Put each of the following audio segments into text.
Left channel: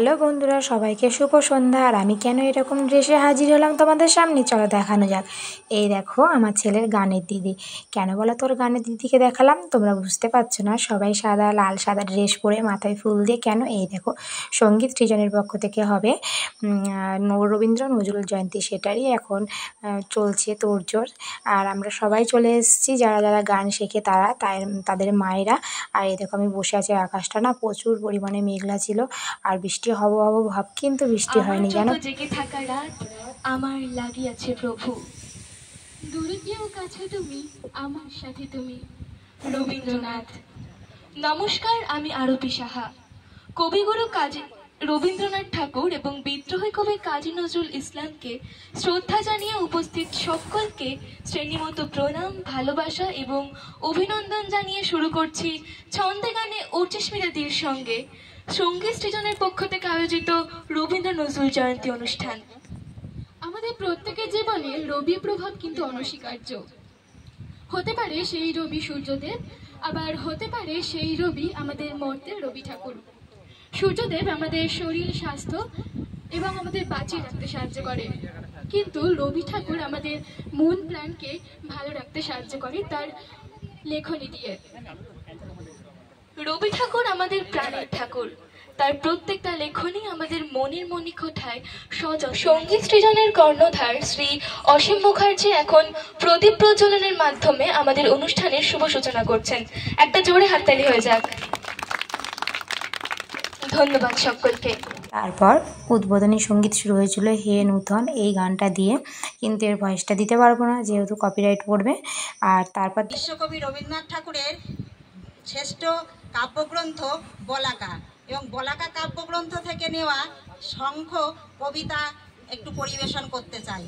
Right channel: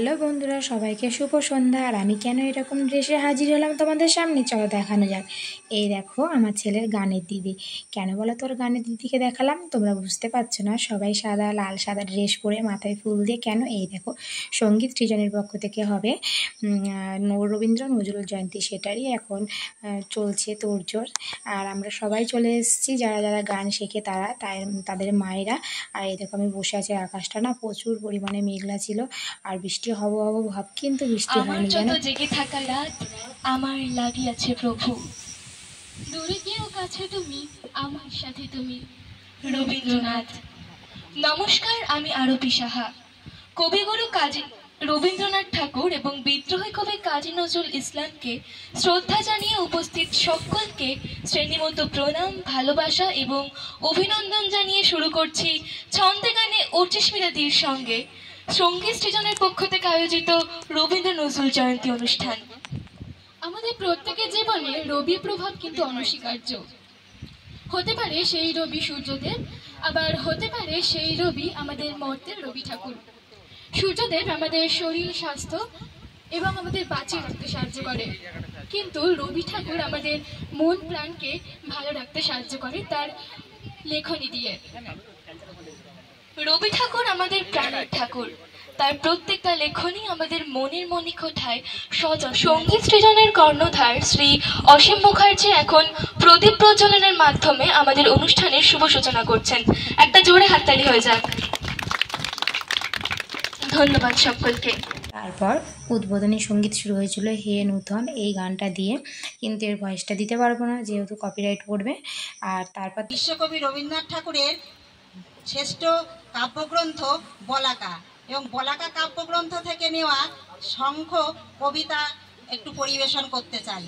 Hello বন্ধুরা, সবাইকে শুভ সন্ধ্যা। আর আমি কেন এরকম ড্রেসে হাজির হলাম তোমাদের সামনে, চলো দেখানো যাক। এই দেখো আমার ছেলের গানের দিদি। কেন বলো তোর গানের দিদিকে দেখালাম? তোমরা বুঝতে পারছো না, সবাই সাদা লাল সাদা ড্রেস পরে মাথায় ফুল দিয়ে। কেন? এই দেখো সঙ্গীত সৃজনের পক্ষ থেকে হবে রবীন্দ্র নজরুল জয়ন্তী, সেটারই এখন চলছে তোড়জোড়। আর আমরা সবাই চলে এসেছি, যারা যারা গান শেখে তাদের মায়েরা। আর এই দেখো আমি বসে আছি, আকাশটা না প্রচুর পরিমাণে মেঘলা ছিল, আর বৃষ্টি হব হব ভাব, কিন্তু বৃষ্টি হয়নি। জানো, জেগে থাকা রাত আমার লাগিয়াছে প্রভু, দূরে কেউ কাছে তুমি, আমার সাথে তুমি। রবীন্দ্রনাথ। নমস্কার, আমি আরতি সাহা। কবিগুরু কাজী রবীন্দ্রনাথ ঠাকুর এবং বিদ্রোহী কবি কাজী নজরুল ইসলামকে শ্রদ্ধা জানিয়ে উপস্থিত সকলকে শ্রেণীমতো প্রণাম, ভালোবাসা এবং অভিনন্দন জানিয়ে শুরু করছি ছন্দে গানে অর্চিস্মিতাদির সঙ্গে সঙ্গীত সৃজনের পক্ষ থেকে আয়োজিত রবীন্দ্র নজরুল জয়ন্তী অনুষ্ঠান। আমাদের প্রত্যেকের জীবনে রবির প্রভাব কিন্তু অনস্বীকার্য। হতে পারে সেই রবি সূর্যদেব, আবার হতে পারে সেই রবি আমাদের মর্তের রবি ঠাকুর। সূর্যদেব আমাদের শরীর স্বাস্থ্য এবং আমাদের বাঁচিয়ে রাখতে সাহায্য করে, কিন্তু রবি ঠাকুর আমাদের মন প্রাণকে ভালো রাখতে সাহায্য করে তার লেখনী দিয়ে। রবি ঠাকুর আমাদের প্রাণের ঠাকুর, তার প্রত্যেকটা লেখনী আমাদের মনের মণিকোঠায় সজল। সঙ্গীত সৃজনের কর্ণধার শ্রী অসীম মুখার্জি এখন প্রদীপ প্রজ্বলনের মাধ্যমে আমাদের অনুষ্ঠানের শুভ সূচনা করছেন। একটা জোরে হাততালি হয়ে যাক। ধন্যবাদ সকলকে। তারপর উদ্বোধনী সঙ্গীত শুরু হয়েছিল হে নূতন এই গানটা দিয়ে, কিন্তু এর ভয়েসটা দিতে পারবো না যেহেতু কপিরাইট পড়বে। আর তারপর বিশ্বকবি রবীন্দ্রনাথ ঠাকুরের শ্রেষ্ঠ কাব্যগ্রন্থ বলাকা, এবং বলাকা কাব্যগ্রন্থ থেকে নেওয়া শঙ্খ কবিতা একটু পরিবেশন করতে চাই।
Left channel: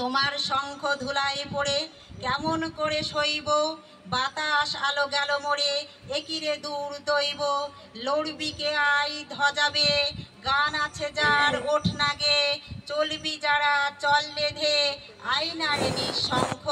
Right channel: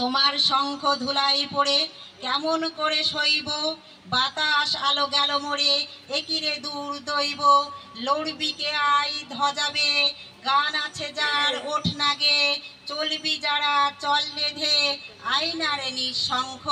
তোমার শঙ্খ ধুলাই পড়ে কেমন করে সইব, বাতাস আলো গেল মোড়ে একিরে দূর দইব, লড়বিকে আই ধ্বজাবে, গান আছে যার ওঠ নাগে, চলবি যারা চল লেধে, আইনারে নিঃশঙ্খ।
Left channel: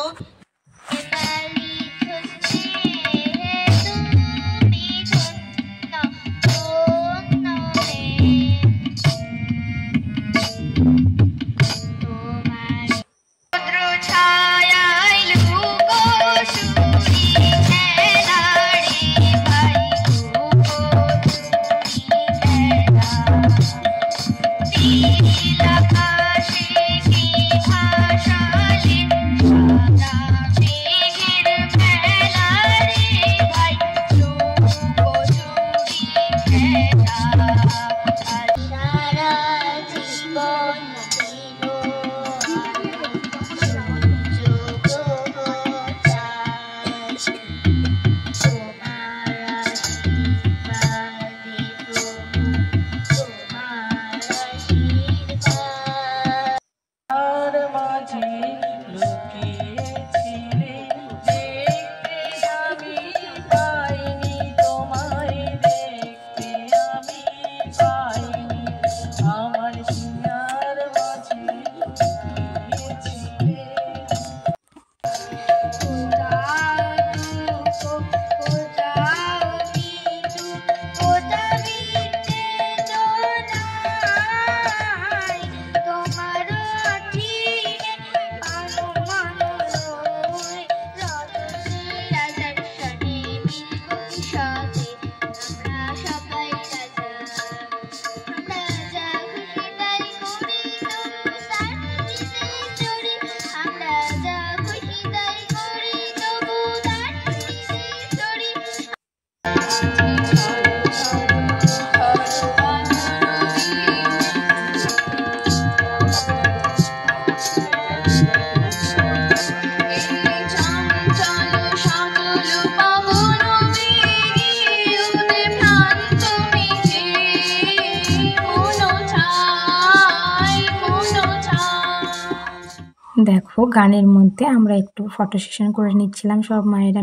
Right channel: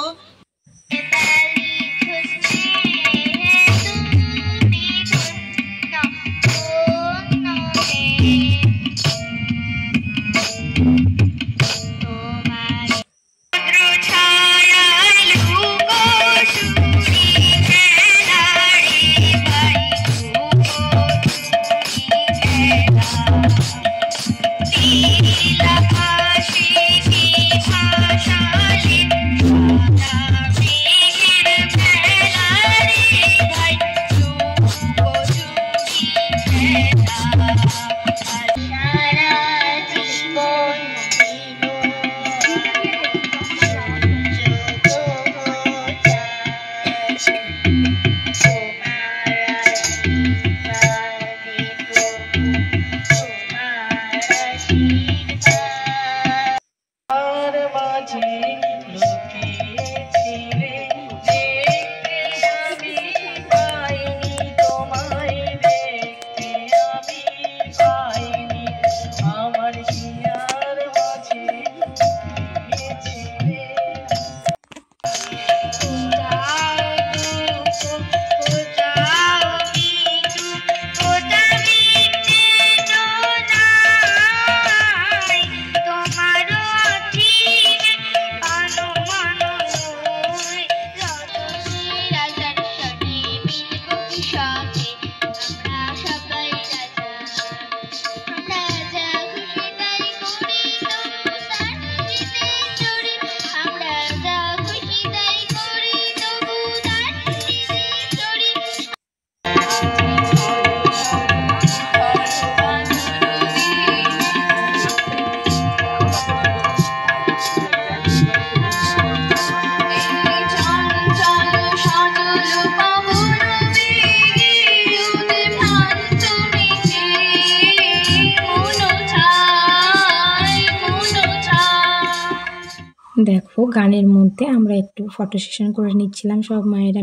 দেখো গানের মধ্যে আমরা একটু ফটো সেশন করে নিচ্ছিলাম, সব মায়েরা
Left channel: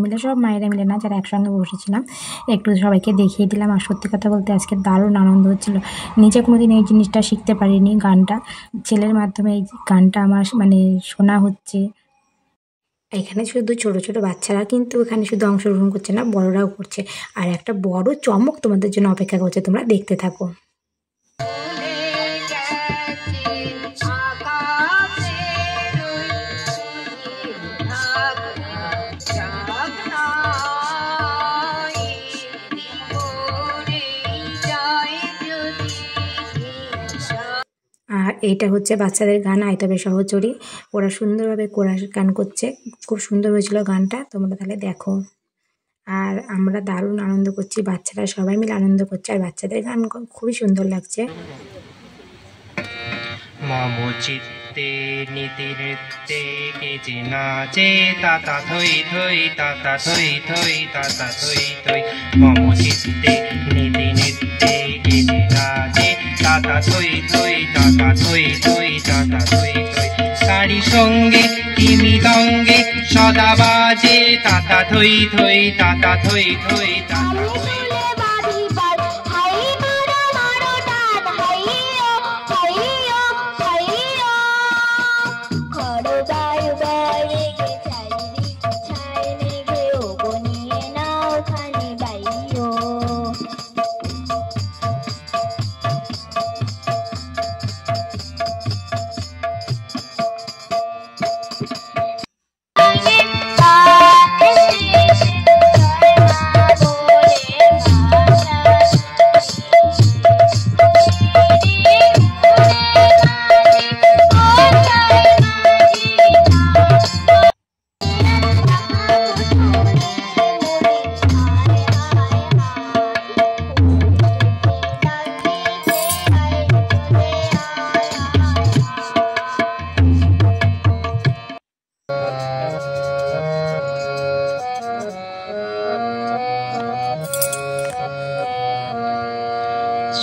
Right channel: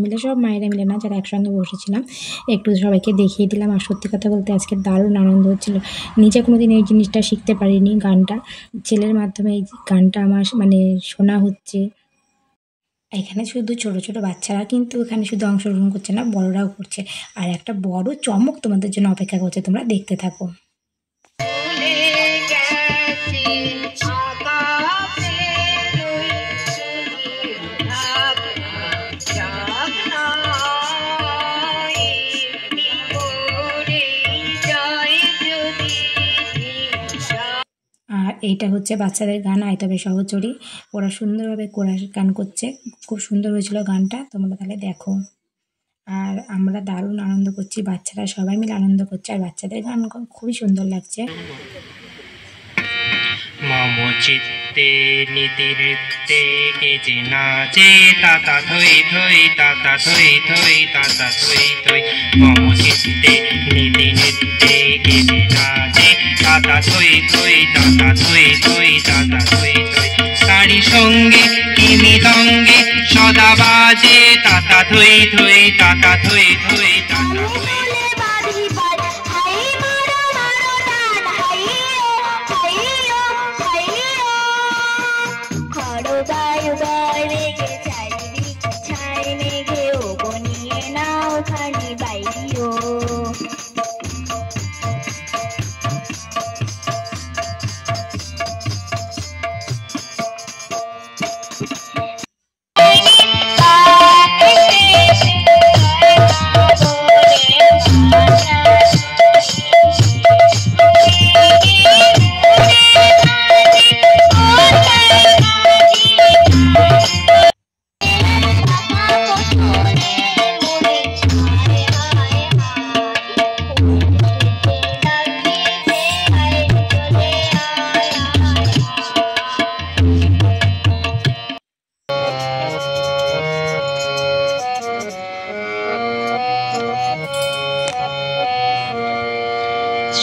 মিলে না, যারা একসঙ্গে বসেছিলাম, একটু সবাইকে দেখিয়ে দিলাম। আর সত্যি কথা বলতে আজকে দারুণ আনন্দ হচ্ছিল। নিজে কোনোদিন এই জিনিসটা শিখতে পারিনি, গানটা ছেলের মাধ্যমে এই গানটা আমার শোনা হচ্ছে। এখানে শুধু ছোট ছোট বাচ্চারা কিন্তু এখানে শুধু অংশগ্রহণ করছে না, বড়রাও করছে। আর একটা বড় চমক তোমাদের জন্য অপেক্ষা করছে, তোমরা দেখতে থাকো। এইটা হচ্ছে বাচ্চাদের গান আয় তবে সহচরী, ওরা সুন্দরভাবে কোরাস গান করছে, খুব সুন্দর হয়েছিল গানটা, তোমরা তাহলে দেখো। আর আমরা দারুণ আনন্দ করছি, বাচ্চারা সবাই মিলে আনন্দ করছে, আর বাচ্চাদের গান খুবই সুন্দর লাগছে। মম চিত্তে নীতি নৃত্যে কেচে নাচে তাতা থই থই তাতা থই থই তাতা থই থই। মম চিত্তে নীতি নৃত্যে কেচে নাচে তাতা থই থই তাতা থই থই তাতা থই থই। তারি সঙ্গে কি মৃদঙ্গে সদা বাজে তাতা থই থই তাতা থই থই তাতা থই।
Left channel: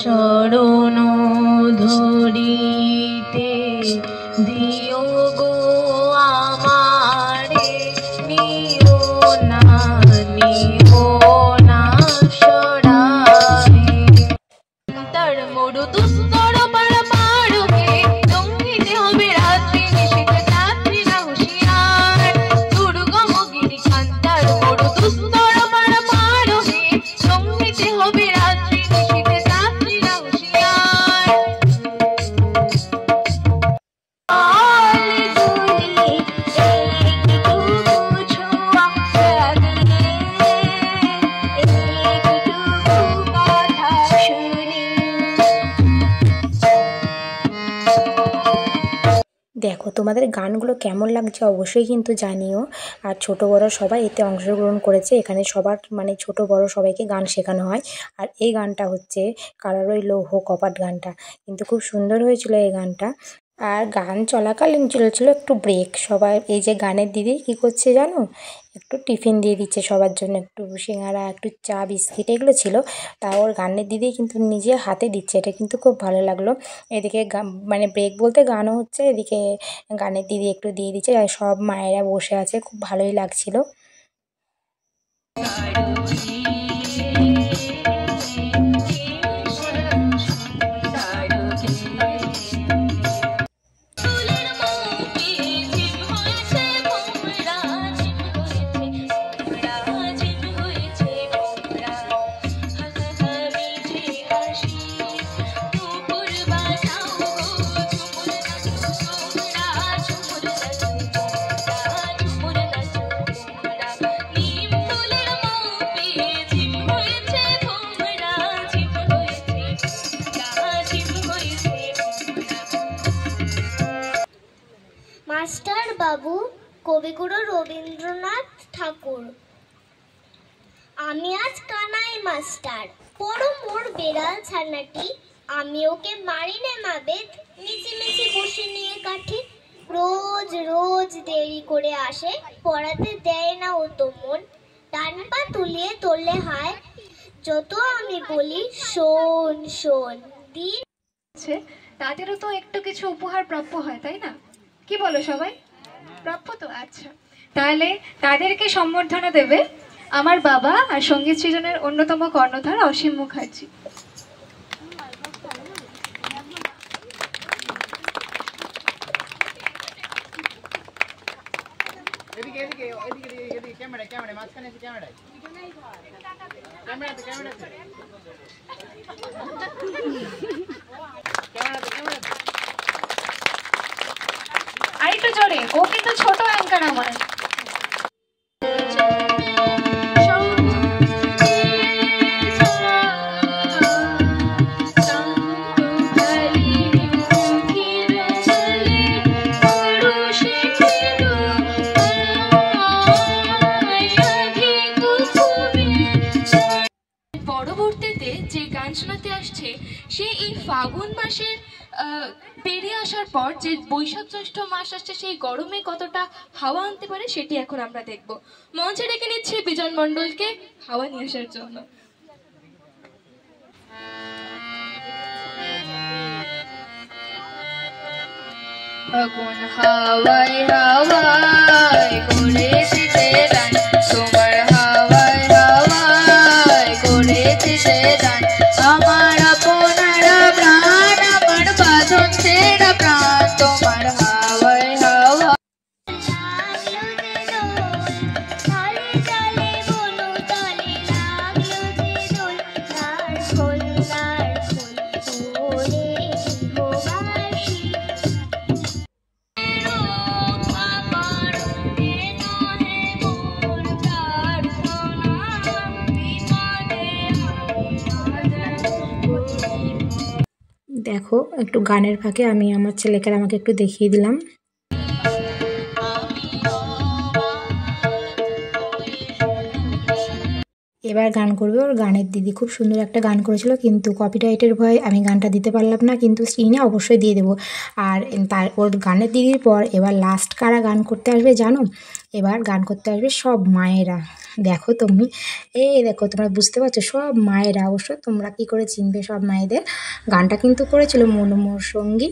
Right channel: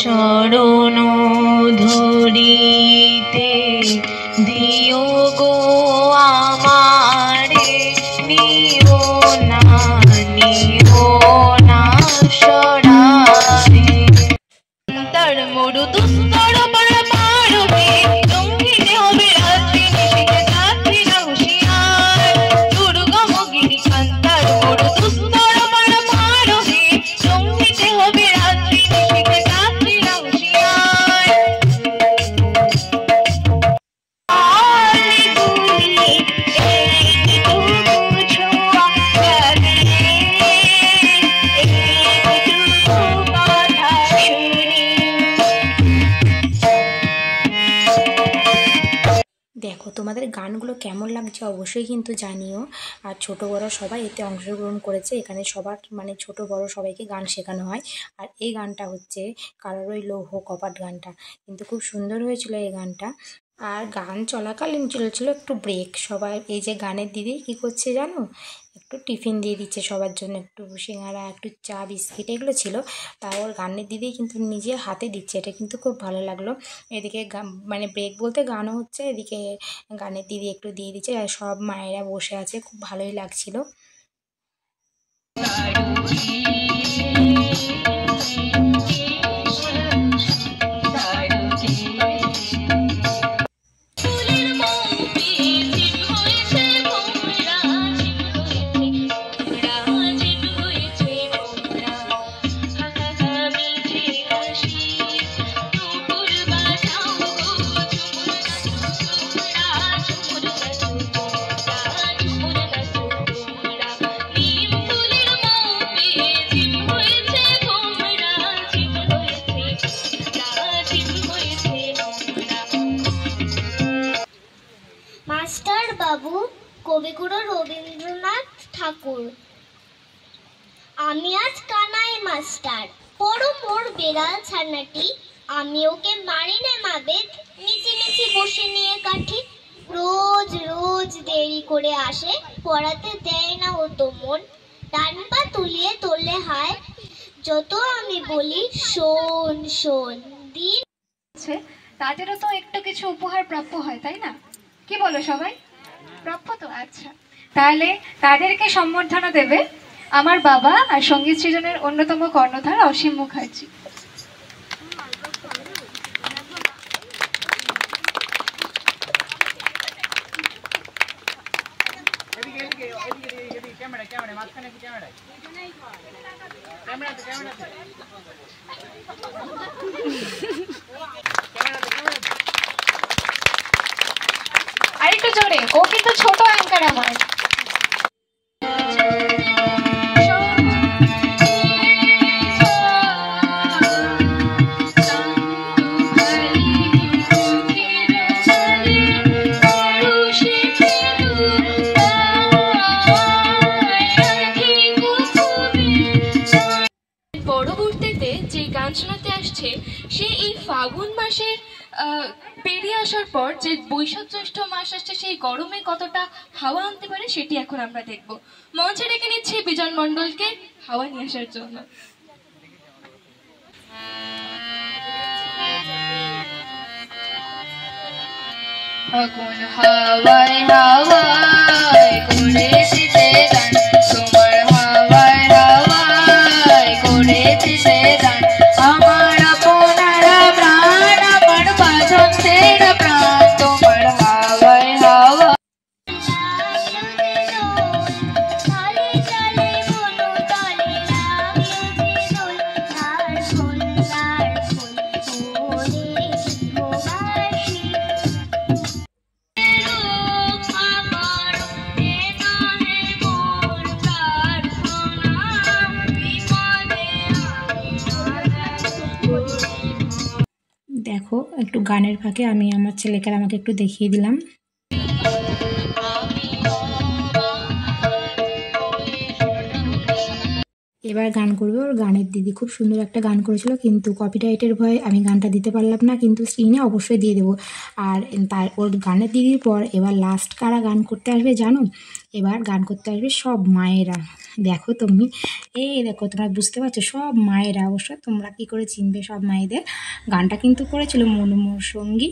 চরণ ধরিতে দিও গো আমারে, নিও না সরারে। তার মরু দুস্তর পারবে জঙ্গিতে হবে রাত্রি নিশিতে যাত্রী না হুঁশিয়ার। দুর্গম গিরি কান্তার মরু দুস্তর পারবে জঙ্গিতে হবে রাত্রি নিশিতে যাত্রী না হুঁশিয়ার। দেখো তোমাদের গানগুলো কেমন লাগছে অবশ্যই কিন্তু জানিও। আর ছোট বড় সবাই এতে অংশগ্রহণ করেছে, এখানে সবার মানে ছোট বড় সবাইকে গান শেখানো হয়। আর এই গানটা হচ্ছে কারার ওই লৌহ কপাট গানটা, কিন্তু খুব সুন্দর হয়েছিল এই গানটা। আর গান চলাকালীন চলেছিল একটু ব্রেক, সবাই এই যে গানের দিদি কী করছে জানো, একটু টিফিন দিয়ে দিচ্ছে সবার জন্য, একটু সিঙ্গারা একটু চা বিস্কিট এগুলো ছিল, তাও ওর গানের দিদি কিন্তু নিজে হাতে দিচ্ছে, এটা কিন্তু খুব ভালো লাগলো। এদিকে মানে ব্রেক বলতে গানও হচ্ছে, এদিকে গানের দিদি একটু দিয়ে দিচ্ছে, আর সব মায়েরা বসে আছে, খুব ভালোই লাগছিল। মাস্টার বাবু কবিগুরু রবীন্দ্রনাথ ঠাকুর। আমি আজ কানাই মাস্টার, বড় মোর বেড়াল ছানাটি, আমি ওকে মারি নে মাবেদ, মিছিমিছি বসে নিয়ে কাঠি। রোজ রোজ দেরি করে আসে, পড়াতে দেয় না ও তো মন, ডান পা তুলিয়ে তোলে হায়, যত আমি বলি শোন শোন। দিন তাদেরও তো একটু কিছু উপহার প্রাপ্য হয়, তাই না? কি বলো সবাই? প্রাপ্য তো। আচ্ছা, তাহলে তাদেরকে সম্বর্ধনা দেবে আমার বাবা আর সঙ্গীত সৃজনের অন্যতম কর্ণধার অসীম মুখার্জি। আরেকটু জোরে, ও কিন্তু ছোট অ্যাঙ্কার আমার। সে এই ফাগুন মাসের পেরিয়ে আসার পর যে বৈশাখ জ্যৈষ্ঠ মাস আসছে সেই গরমে কতটা হাওয়া আনতে পারে সেটি এখন আমরা দেখব। মঞ্চে ডেকে নিচ্ছি বিজন মণ্ডলকে হাওয়া নিয়ে আসার জন্য। ফাগুন হাওয়ায় হাওয়ায় করেছি সে দান, তোমার হাওয়ায় হাওয়ায় করেছি সে দান, আমার আপনারা প্রাণ, আমার বাঁধন ছেড়া প্রাণ, তোমার হাওয়ায় হাওয়ায়। দেখো একটু গানের ফাঁকে আমি আমার ছেলেকে আমাকে একটু দেখিয়ে দিলাম। এবার গান করবে ওর গানের দিদি, খুব সুন্দর একটা গান করেছিল, কিন্তু কপিরাইটের ভয়ে আমি গানটা দিতে পারলাম না, কিন্তু স্ক্রিনে অবশ্যই দিয়ে দেবো। আর তার ওর গানের দিদির পর এবার লাস্ট কারা গান করতে আসবে জানো? এবার গান করতে আসবে সব মায়েরা। দেখো তুমি, দেখো তোমরা বুঝতে পারছো, সব মায়েরা। অবশ্য তোমরা কি করে চিনবে সব মায়েদের? গানটা কিন্তু করেছিল মনোমোর সঙ্গী।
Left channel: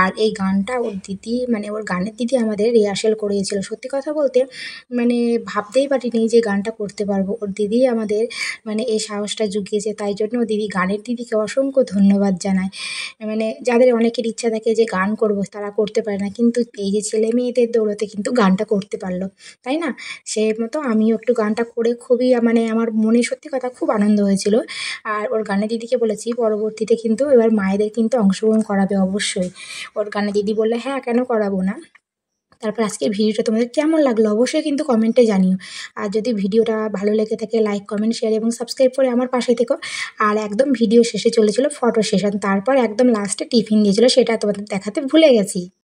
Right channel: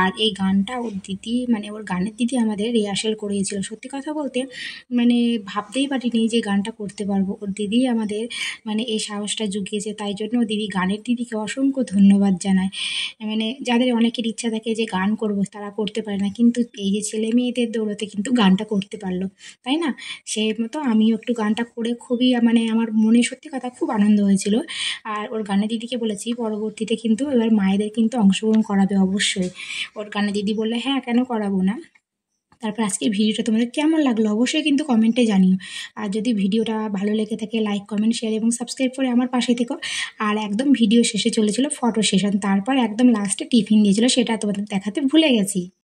আর এই গানটা ওর দিদি, মানে ওর গানের দিদি আমাদের রিহার্সেল করিয়েছিল। সত্যি কথা বলতে মানে ভাবতেই পারিনি যে গানটা করতে পারবো। ওর দিদি আমাদের মানে এই সাহসটা জুগিয়েছে, তাই জন্য ও দিদি, গানের দিদিকে অসংখ্য ধন্যবাদ জানায়। মানে যাদের অনেকের ইচ্ছা থাকে যে গান করব, তারা করতে পারে না, কিন্তু এই যে ছেলে মেয়েদের দৌলতে কিন্তু গানটা করতে পারলো, তাই না? সেই মতো আমিও একটু গানটা করে খুবই মানে আমার মনে সত্যি কথা খুব আনন্দ হয়েছিল। আর ওর গানের দিদিকে বলেছি পরবর্তীতে কিন্তু এবার মায়েদের কিন্তু অংশগ্রহণ করাবে অবশ্যই। ওর গানের দিদি বললে হ্যাঁ, কেন করাবো না। তারপর আজকের ভিডিওটা তোমাদের কেমন লাগলো অবশ্যই কিন্তু কমেন্টে জানিও। আর যদি ভিডিওটা ভালো লেগে থাকে লাইক, কমেন্ট, শেয়ার এবং সাবস্ক্রাইব করে আমার পাশে থেকো। আর একদম ভিডিও শেষে চলেছিল ফটো সেশন, তারপর একদম লাস্টে টিফিন দিয়েছিল, সেটা তোমাদের দেখাতে ভুলে গেছি।